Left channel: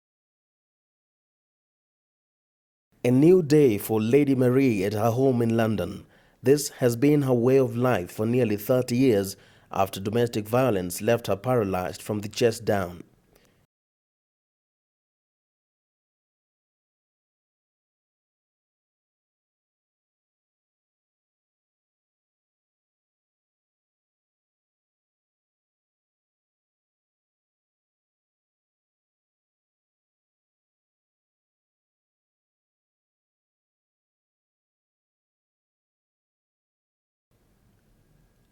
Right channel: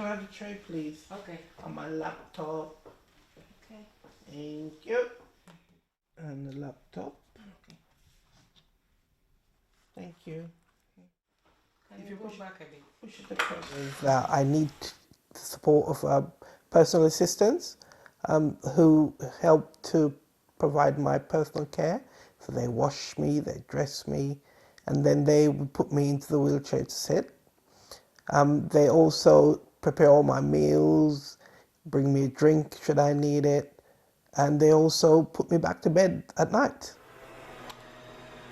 Can I have a tray, please? Okay. On my laptop. A new day for Lady Marie at her home in London. This has been her way of life for nearly 30 years after domestic violence left her paralyzed from the chest down. I need the support of personal assistants who help to provide my personal care. So they wash me, they dress me, and then they would put me into the wheelchair to sit. They also prepare all my meals, bring me a drink should I need it, and they also put me back to bed at night.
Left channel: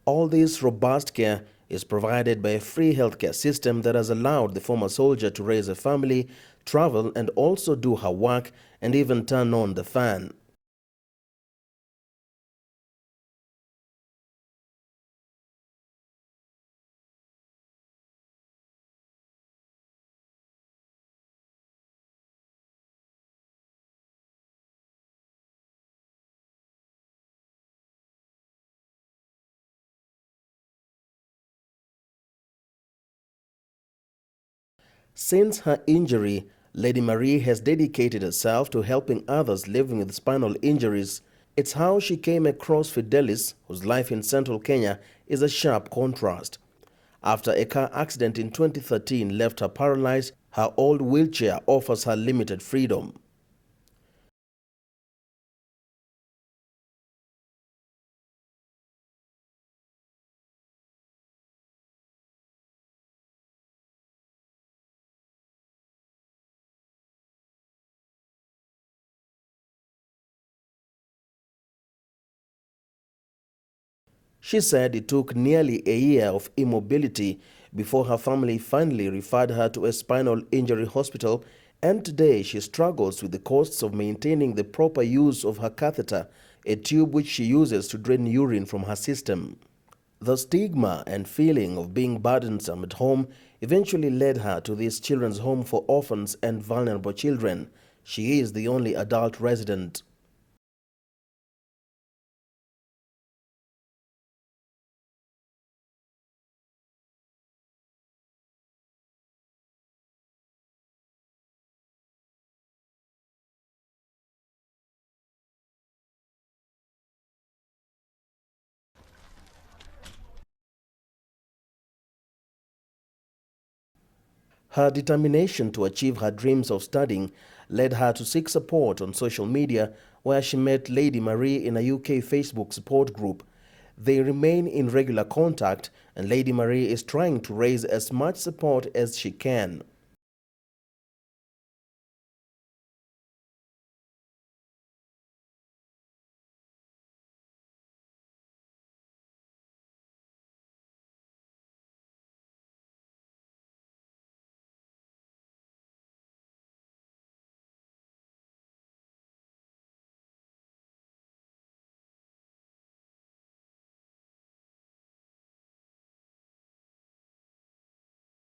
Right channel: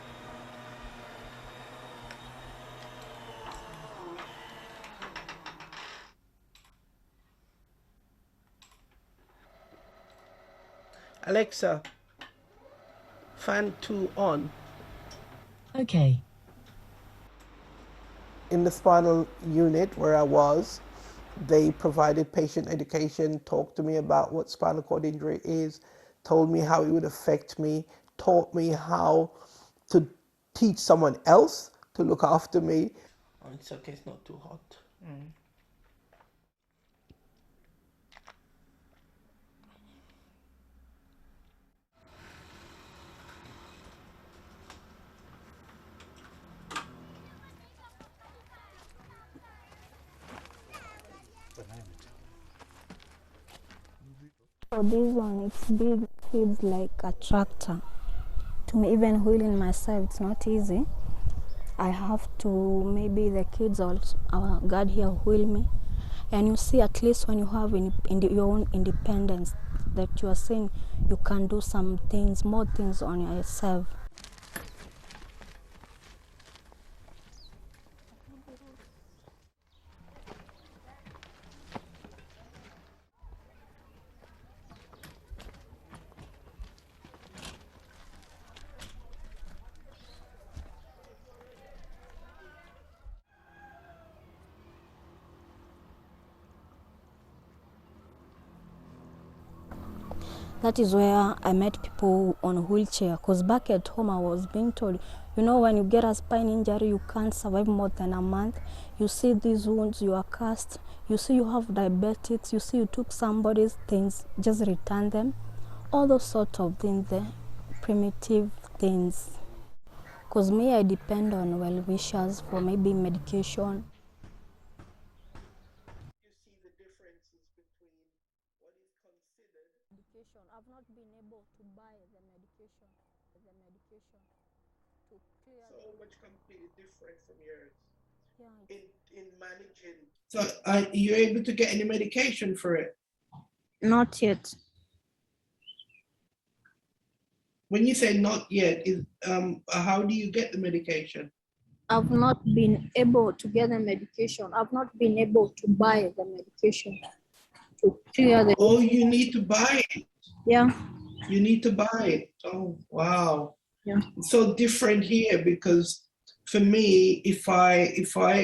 All this robust care is provided by a free healthcare system that has allowed the former soldier to raise a family, travel, and also do her work and even turn on the fan. Alexa, fan 2 on. Okay. In the spinal unit where I was, they provided patient education, talked to me about what spinal cord injury is, told me how it would affect me, taught me how to teach someone else to look after me. Oh, it's okay, it's not too hot. Since her injury, Lady Marie has dedicated herself to helping others living with spinal injuries. It's how she came across Fidelis, whose life in central Kenya is a sharp contrast. After a car accident in 2013 left her paralyzed, her old wheelchair offers her limited freedom. For this one, it's big, feels like a tractor. To me, even wheeling myself, it's not easy. I have to, maybe the kids also, our God here wheel me. And you see, at least when you have your own independence, that you are saying you can do some things, more things on yourself. She said it took nearly a year of immobility before her family finally referred her to a spinal injury hospital, and today she struggles with the costs of maintaining the proper use of her catheter, a tube which she uses to drain urine from her system. The stigma and feeling of being burdensome at home eventually led her to this children's home for orphans and vulnerable children. She is the only adult resident. That is where I met people on a wheelchair, because back at home I was being told, you know, when you get a spine injury, you can't survive more than a month. You see these wounds, you are cast. You see you have diabetics. You see you took somebody's things, just return them. All those sort of things, the primitive things. Because me, I depend on well-wishers for maybe medication. Her determination to achieve her dreams of studying led her to seek support on social media, where she met Lady Marie in a UK Facebook support group. They remain in regular contact, and Lady Marie is trying to raise as much support as she can. So are you able to get any medication for it? Not yet. When you say not yet, how do you get the medication? I've not been able to get the medication. I've not been able to buy the medication to clear the... Oh, you need to buy it. Yeah. You need to buy it. Oh, wow. Yeah. It's so different here, because for me, if I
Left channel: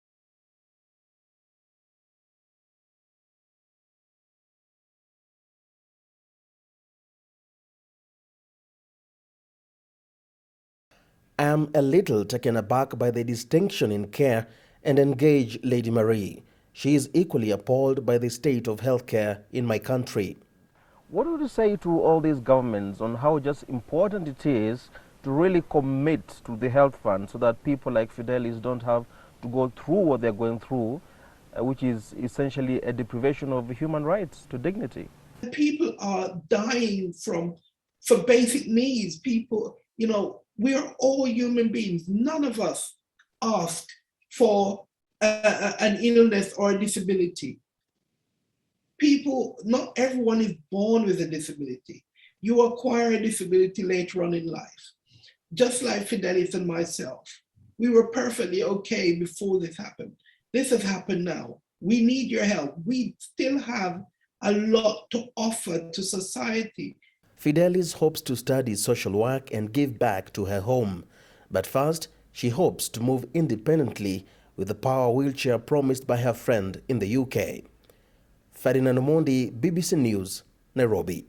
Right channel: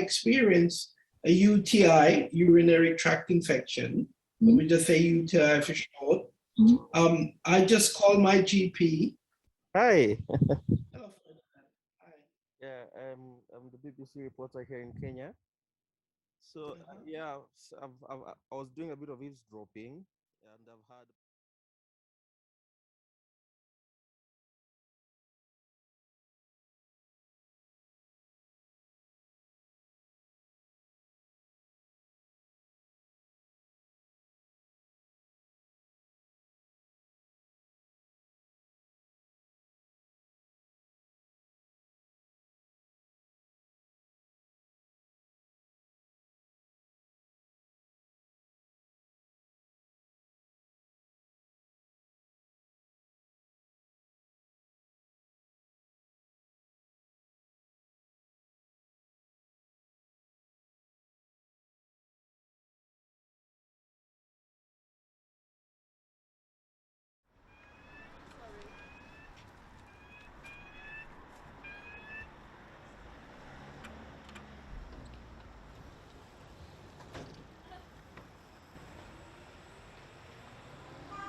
experience a UTI, urinary tract infection, we just say UTI for short, I just call my GP. Hi. I'm a little taken aback by the distinction in care and engage Lady Marie. She is equally appalled by the state of healthcare in my country. What would you say to all these governments on how just important it is to really commit to the health fund so that people like Fidelis don't have to go through what they're going through, which is essentially a deprivation of human rights to dignity? People are dying for basic needs. People, you know, we are all human beings. None of us ask for an illness or a disability. People, not everyone is born with a disability. You acquire a disability later on in life. Just like Fidelis and myself, we were perfectly okay before this happened. This has happened now. We need your help. We still have a lot to offer to society. Fidelis hopes to study social work and give back to her home. But first, she hopes to move independently with the power wheelchair promised by her friend in the UK. Ferdinand Omondi, BBC News, Nairobi.